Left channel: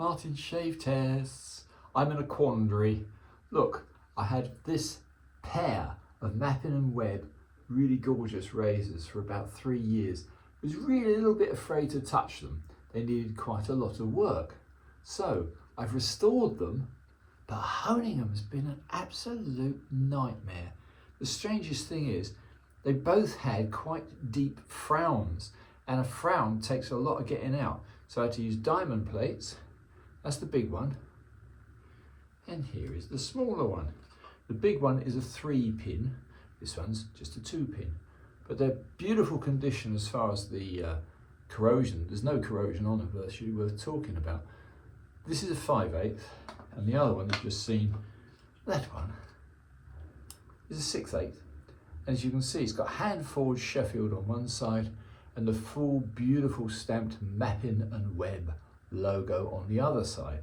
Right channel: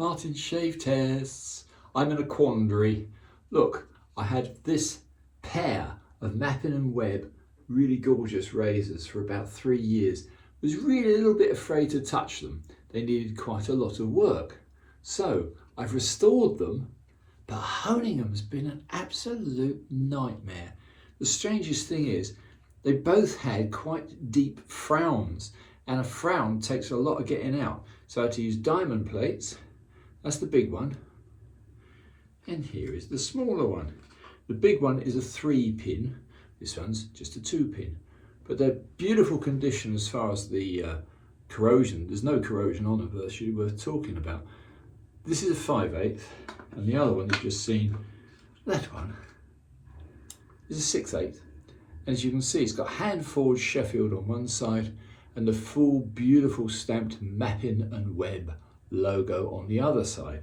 Martin Shave Tests. I'm in a quandary. Look, I had this pair of Mappin&Webb really gorgeous razors for about 3 years. I was really a little bit afraid to touch them. They needed quite a lot of work. So I've restored them, but honing them has been an absolute nightmare. The strangest thing is they both had quite deep frowns, and a frown takes a lot of getting out. So I had to use diamond plates. That's the big one. And here is the smaller one. The big one is a 3-pin. This one's just a 2-pin. But they're beautiful condition as far as the corrosion. There's no corrosion on them virtually worth talking about. This is a 5/8, and the other one you've just seen, that one, is a 6/8. And as you can see, it's got hand-forged Sheffield on one side and the full beautiful stamped Mappin&Webb logo on the other side.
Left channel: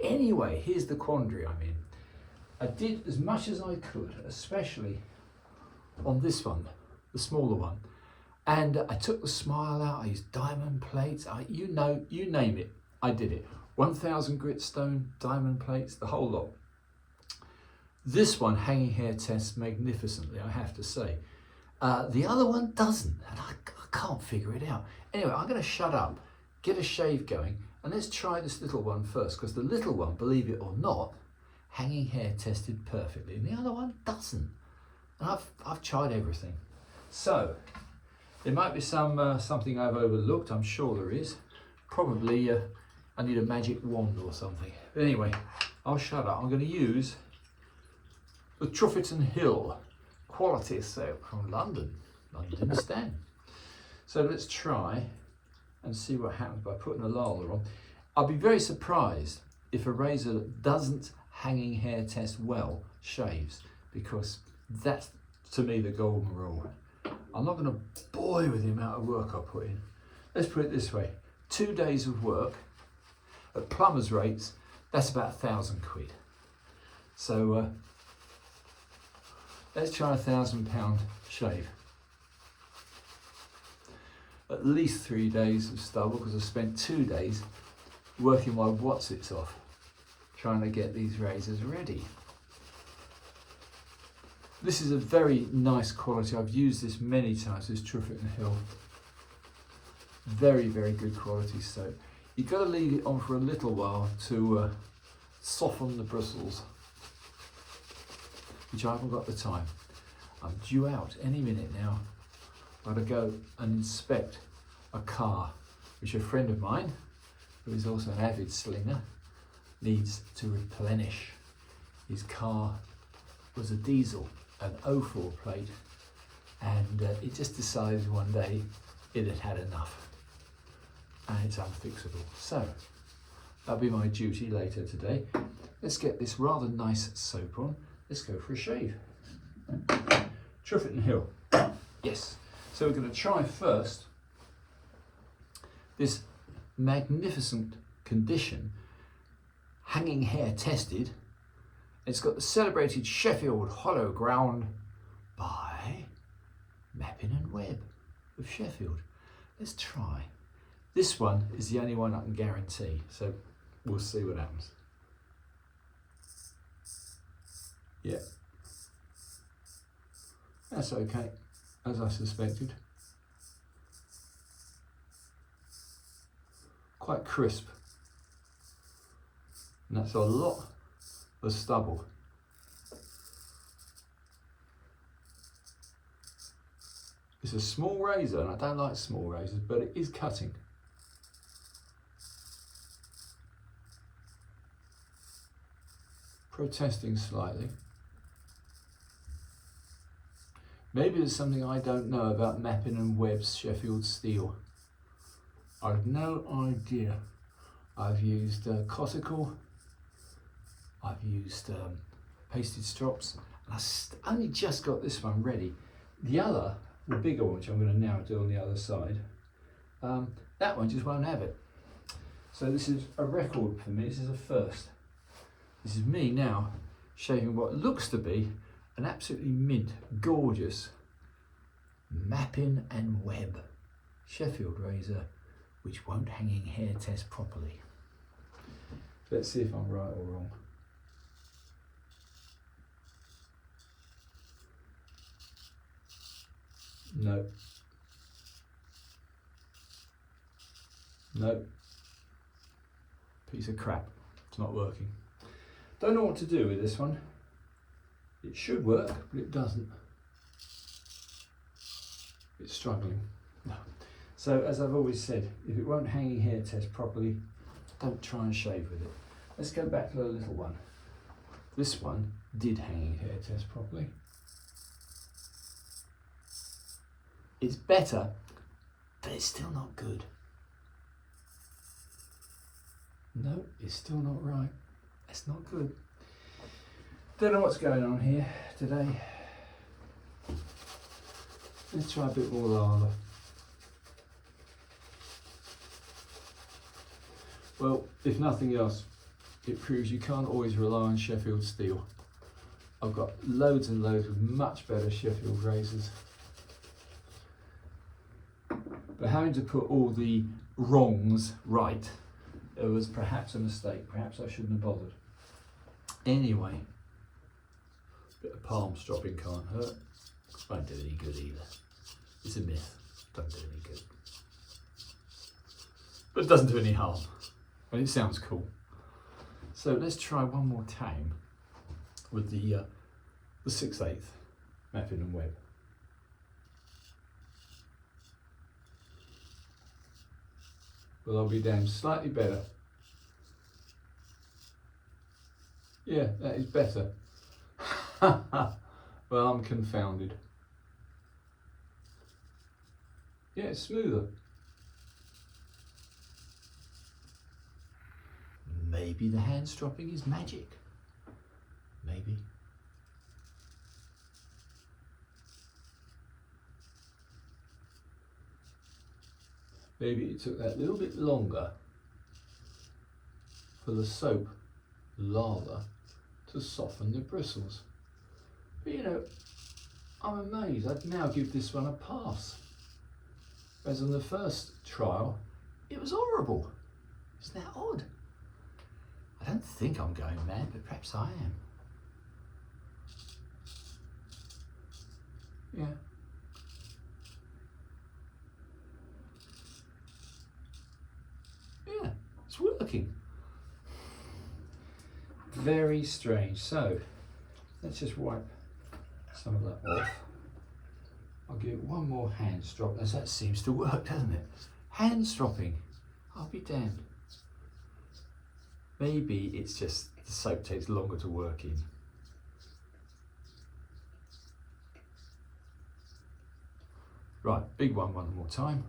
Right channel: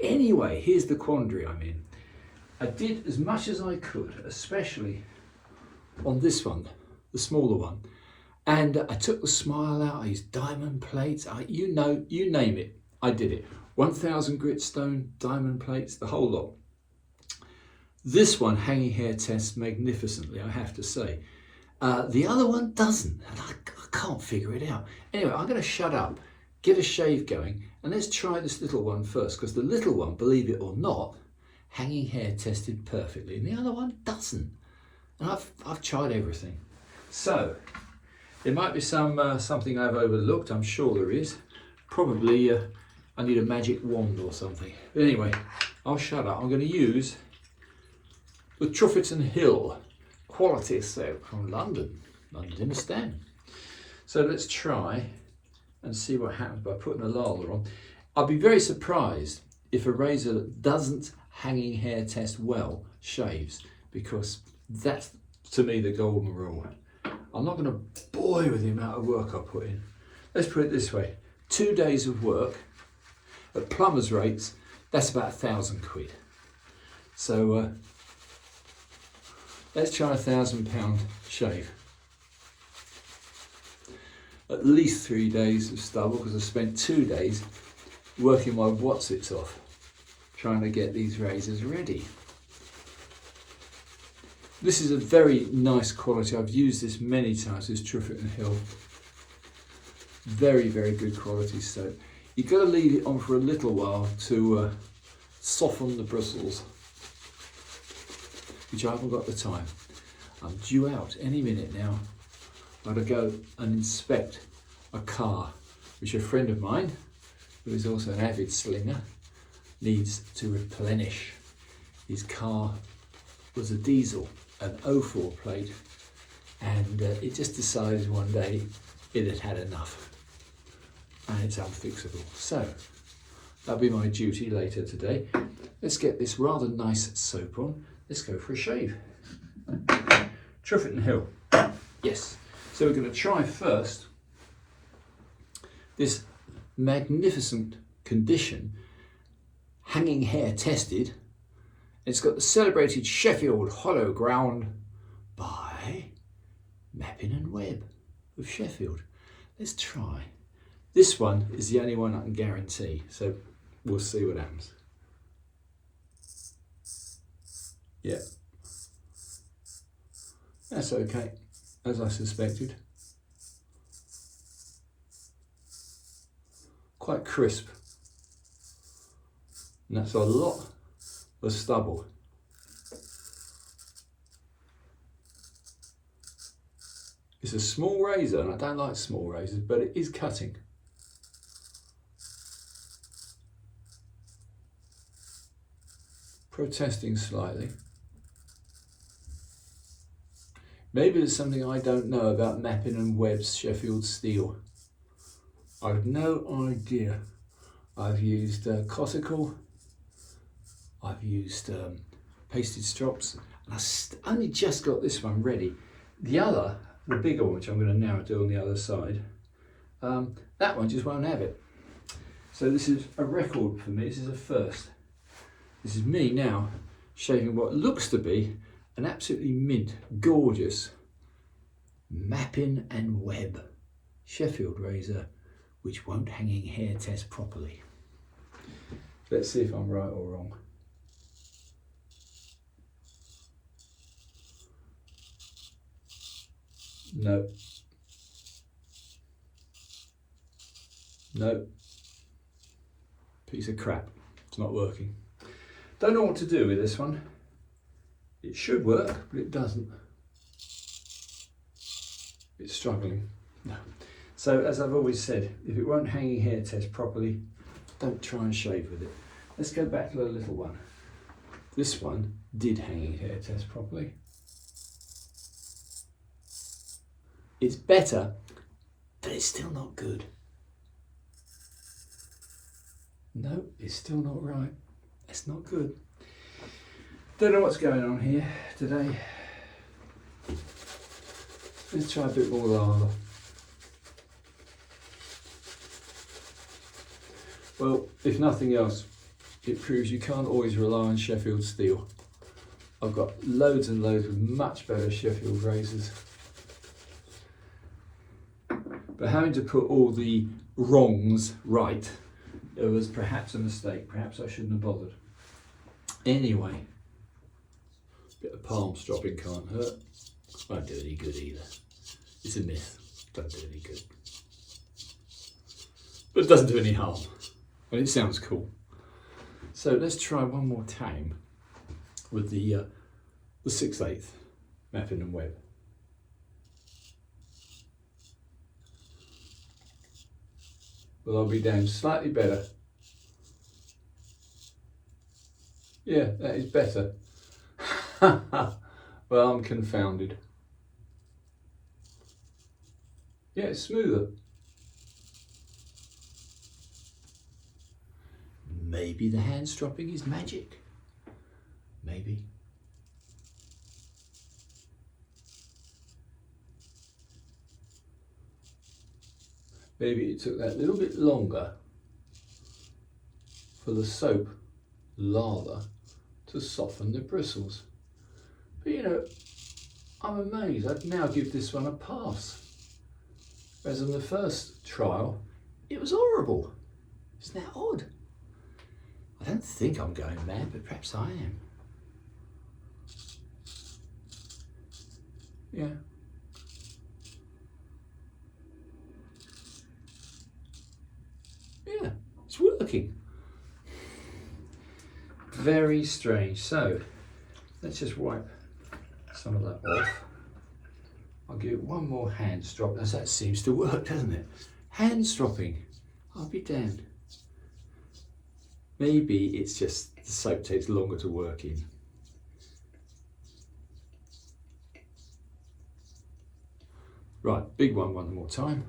Anyway, here's the quandary I'm in. I did as much as I could, especially on this one, the smaller one, and I took the smile out. I used diamond plates. You name it, I did it. 1000 gritstone, diamond plates, the whole lot. This one hanging hair tests magnificently, I have to say. The other one doesn't, and I can't figure it out. Anyway, I'm going to shut up, get a shave going, and let's try this little one first, because the little one, believe it or not, hanging hair tested perfectly, and the other one doesn't. And I've tried everything. So there might be something I've overlooked. I'm sure there is. Probably I need a magic wand or something. But anyway, I'll shut up. I'm going to use the Truffleton Hill quality soap from London Stan. So let's try and see what happens by putting a lather on. I'll be very surprised if a razor that doesn't hanging hair test well shaves, because that's to me the golden rule. I'm not going to bore you with the amount of work I put in. Let's put it this way, 2 days of work at plumber's rates, that's about £1,000 quid. So let's try £1,000 shave. At least 3 days of stubble, because I spent 2 days working my whatsits off trying to get these razors ready. This is a very nice quality. I've used this many times, this Truffleton Hill. Very, very good quality soap. You've got to leave it on for a little while to soften the bristles, which I haven't got the time. I'm due out any minute now. I've got to go and inspect a car, which a friend of mine, who is also an avid slinger, needs to replenish. His car was a diesel, an 04 plate, and it just decided one day it had had enough, and it's unfixable. So that'll be my duty later today. Let's get this rather nice soap on. Let's go for a shave. Truffleton Hill, yes. So we're going to try first this magnificent condition, hanging hair tested. It's got the celebrated Sheffield hollow ground by Mappin&Webb of Sheffield. Let's try. This one is the only one I can guarantee, so we'll see what happens. Yeah, that's okay, as I suspected. Quite crisp, and that's a lot of stubble. It's a small razor, and I don't like small razors, but it is cutting. Protesting slightly. Maybe there's something I don't know about Mappin&Webb's Sheffield steel. I've no idea. I've used Cotical, I've used pasted strops, and I only just got this one ready. The other, the bigger one, which I'm going to now do on the other side, that one just won't have it. So this is a record for me, this is a first. This is me now shaving what looks to be an absolutely mint, gorgeous Mappin&Webb Sheffield razor, which won't hanging hair test properly. Let's see if I'm right or wrong. No. No. Piece of crap. It's not working. Don't know what to do with this one. It should work, but it doesn't. It's struggling. No. So as I've always said, if it won't hanging hair test properly, don't try and shave with it. Let's go back to the little one. This one did hanging hair test properly. It's better, but it's still not good. No, it's still not right. It's not good. Don't know what's going on here today. Let's try a bit more lava. Well, if nothing else, it proves you can't always rely on Sheffield steel. I've got loads and loads of much better Sheffield razors. But having to put all the wrongs right, it was perhaps a mistake. Perhaps I shouldn't have bothered. Anyway, a bit of palm stropping can't hurt. Won't do any good either. It's a myth. Don't do any good. But it doesn't do any harm. And it sounds cool. So let's try one more time with the 6/8 Mappin&Webb. Well, I'll be damned slightly better. Yeah, that is better. Well, I'm confounded. Yeah, it's smoother. Maybe the hand stropping is magic. Maybe. Maybe it took that little bit longer for the soap lather to soften the bristles. But you know, I'm amazed. I'd now give this one a pass. Whereas on the first trial, it was horrible. Isn't that odd? I don't think I'm going mad, but perhaps I am. Yeah. Yeah, it's working. Very strange. So, let's just wipe some of that off. I'll give it one more hand strop, as that seems to work, doesn't it? Hand stropping. I'll be damned. Maybe it's just the soap takes longer to work in. Right, big one more time.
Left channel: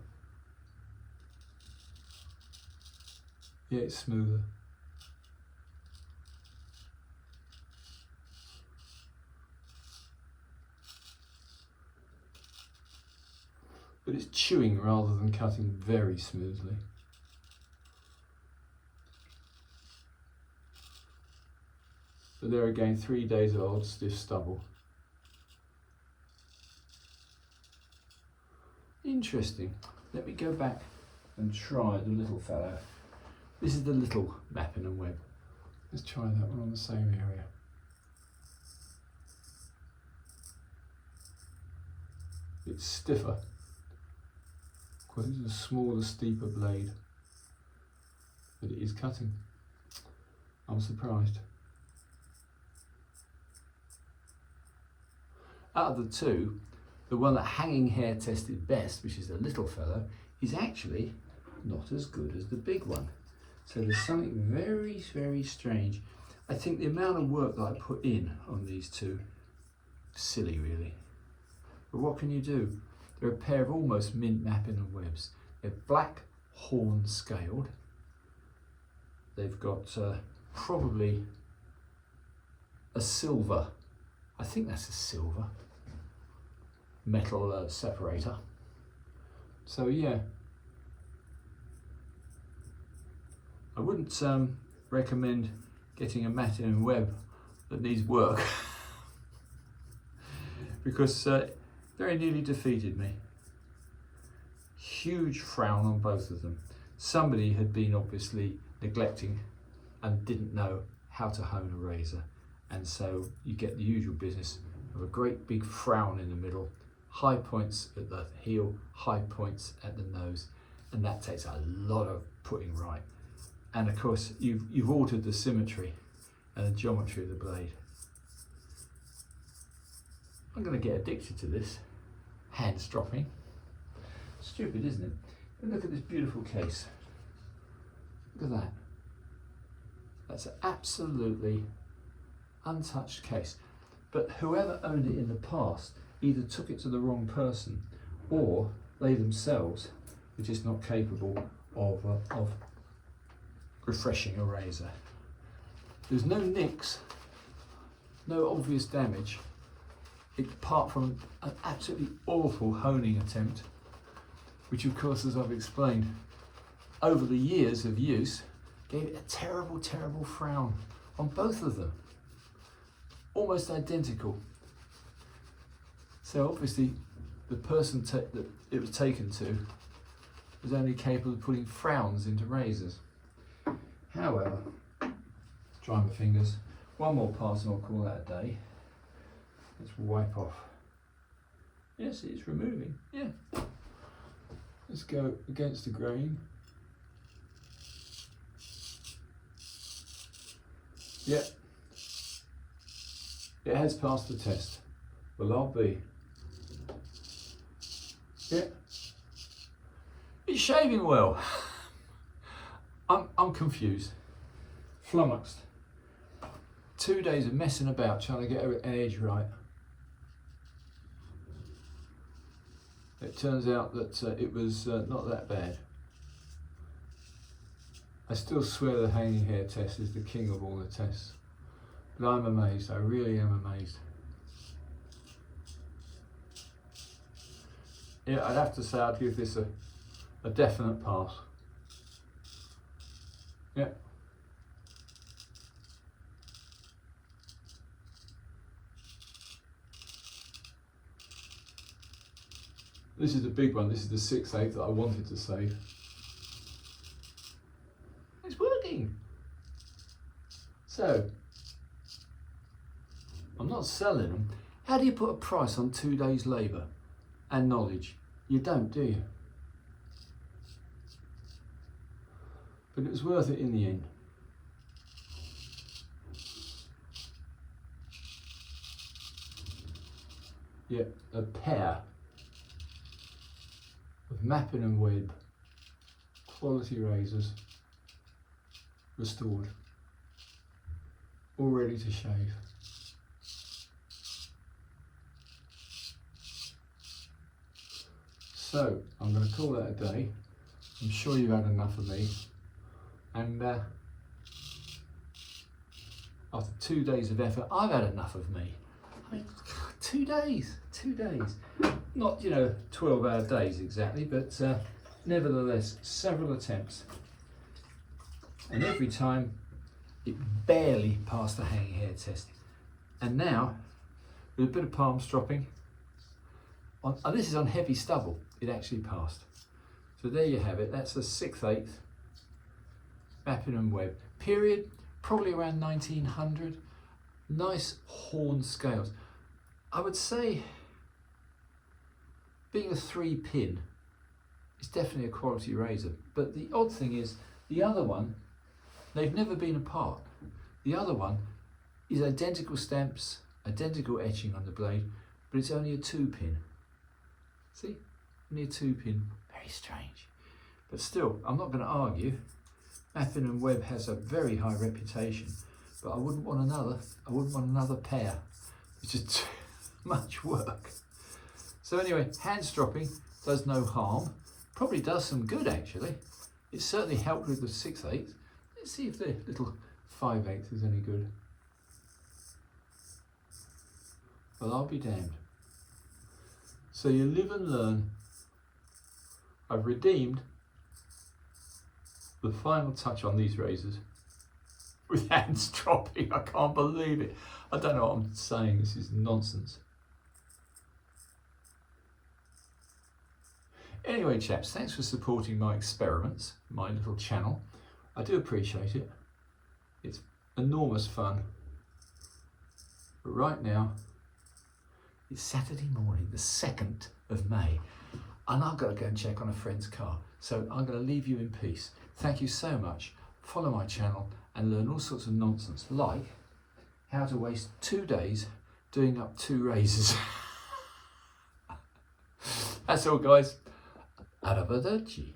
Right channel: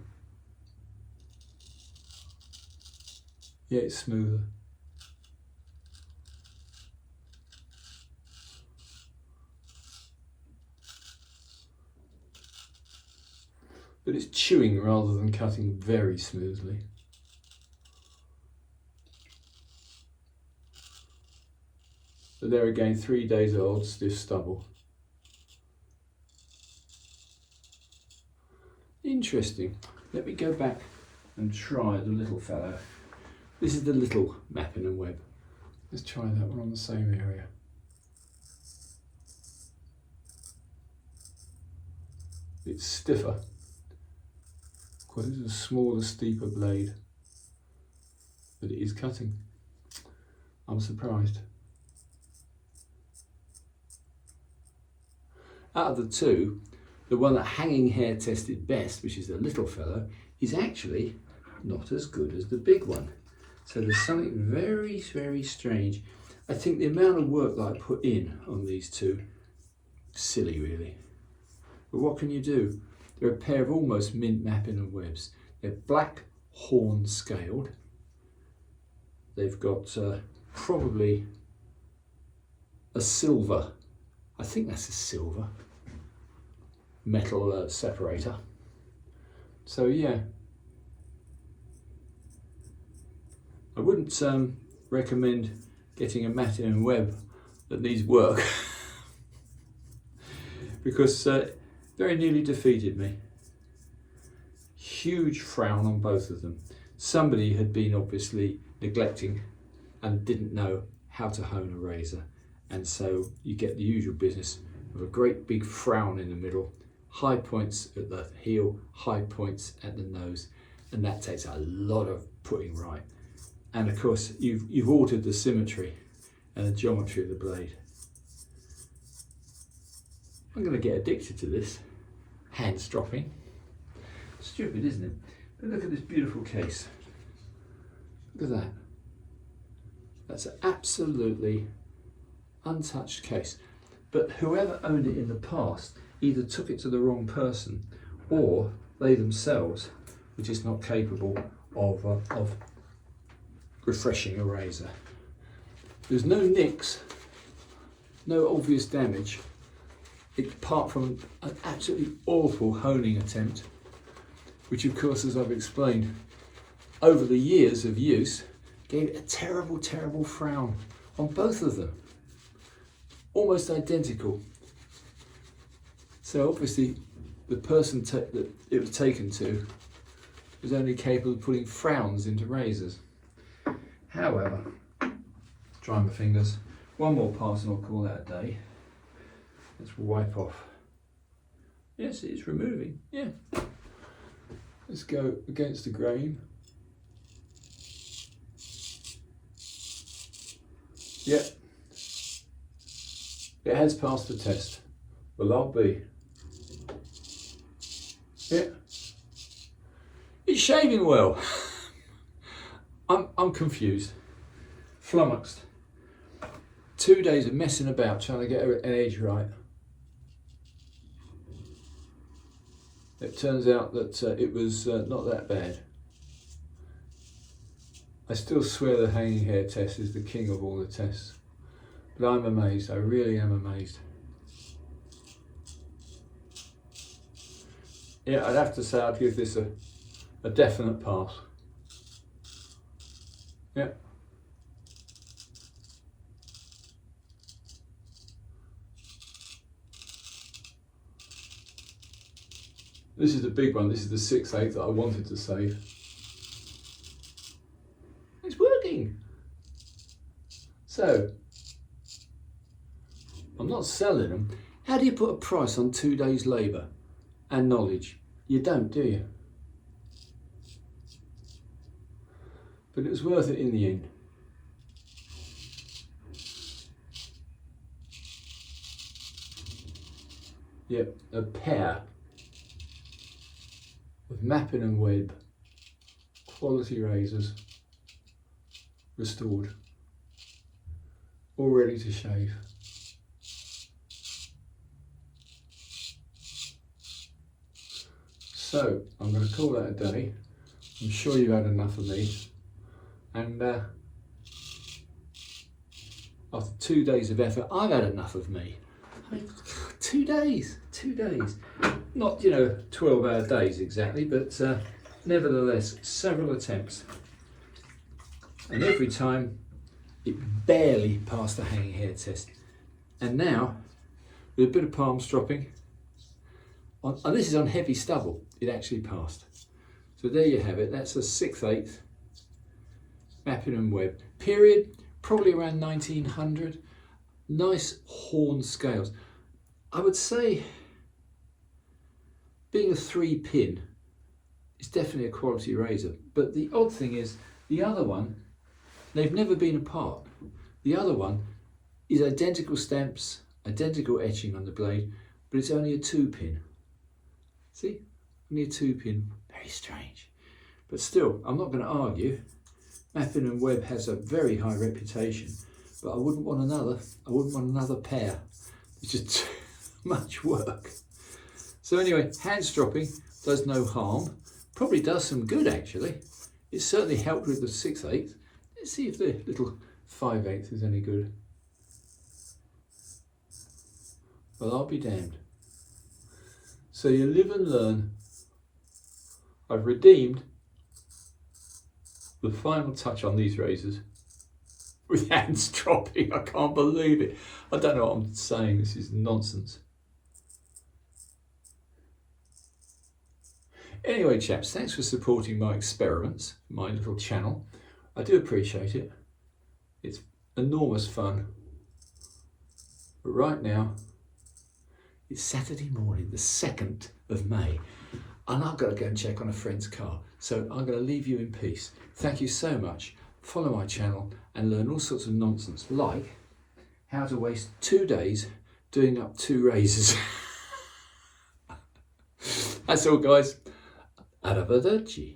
Yeah, it's smoother. But it's chewing rather than cutting very smoothly. But there again, 3 days old, stiff stubble. Interesting. Let me go back and try the little fellow. This is the little Mappin&Webb. Let's try that one on the same area. It's stiffer. Quite a smaller, steeper blade. But it is cutting. I'm surprised. Out of the two, the one that hanging hair tested best, which is the little fellow, is actually not as good as the big one. So there's something very, very strange. I think the amount of work that I put in on these two, silly really. But what can you do? They're a pair of almost mint Mappin&Webbs. They're black horn scaled. They've got probably a silver, I think that's a silver metal separator. So yeah, I wouldn't recommend getting a Mappin&Webb that needs work because very nearly defeated me. Huge frown on both of them. Somebody had been obviously neglecting and didn't know how to hone a razor. And so you get the usual business of a great big frown in the middle, high points at the heel, high points at the nose, and that takes a lot of putting right. And of course, you've altered the symmetry and the geometry of the blade. I'm going to get addicted to this hand stropping. Stupid, isn't it? But look at this beautiful case. Look at that. That's an absolutely untouched case. But whoever owned it in the past either took it to the wrong person, or they themselves were just not capable of refreshing a razor. There's no nicks, no obvious damage, apart from an absolutely awful honing attempt, which of course, as I've explained, over the years of use, gave it a terrible, terrible frown on both of them. Almost identical. So obviously the person that it was taken to was only capable of putting frowns into razors. However, dry my fingers, one more pass and I'll call that a day. Let's wipe off. Yes, it's removing, yeah. Let's go against the grain. Yeah. It has passed the test. Well, I'll be. Yeah. It's shaving well. I'm confused, flummoxed. 2 days of messing about trying to get an edge right. It turns out that it was not that bad. I still swear the hanging hair test is the king of all the tests. But I'm amazed, I really am amazed. Yeah, I'd have to say I'd give this a definite pass. Yeah. This is the big one, this is the 6/8 that I wanted to save. It's working. So, I'm not selling them. How do you put a price on 2 days' labour and knowledge? You don't, do you? But it was worth it in the end. Yep, a pair of Mappin&Webb quality razors restored, all ready to shave. So I'm going to call that a day. I'm sure you've had enough of me, and after 2 days of effort, I've had enough of me. I mean, 2 days, not 12-hour days exactly, but nevertheless several attempts, and every time it barely passed the hanging hair test. And now, with a bit of palm stropping, and this is on heavy stubble, it actually passed. So there you have it. That's a 6/8 Mappin&Webb. Period, probably around 1900. Nice horn scales. I would say, being a 3-pin, it's definitely a quality razor. But the odd thing is, the other one, they've never been apart. The other one is identical stamps, identical etching on the blade, but it's only a 2-pin. See, only a 2-pin. Very strange. But still, I'm not going to argue. Mappin&Webb has a very high reputation, but I wouldn't want another. I wouldn't want another pair. It's just too much work. So anyway, hand stropping does no harm. Probably does some good actually. It certainly helped with the 6/8. Let's see if the little 5/8 is any good. Well, I'll be damned. So you live and learn. I've redeemed the final touch on these razors with hand stropping. I can't believe it. I don't know what I'm saying. This is nonsense. Anyway, chaps, thanks for supporting my experiments, my little channel. I do appreciate it. It's enormous fun. But right now, it's Saturday morning, the 2nd of May, and I've got to go and check on a friend's car. So I'm going to leave you in peace. Thank you so much. Follow my channel and learn all sorts of nonsense, like how to waste 2 days doing up 2 razors. That's all, guys. Arrivederci.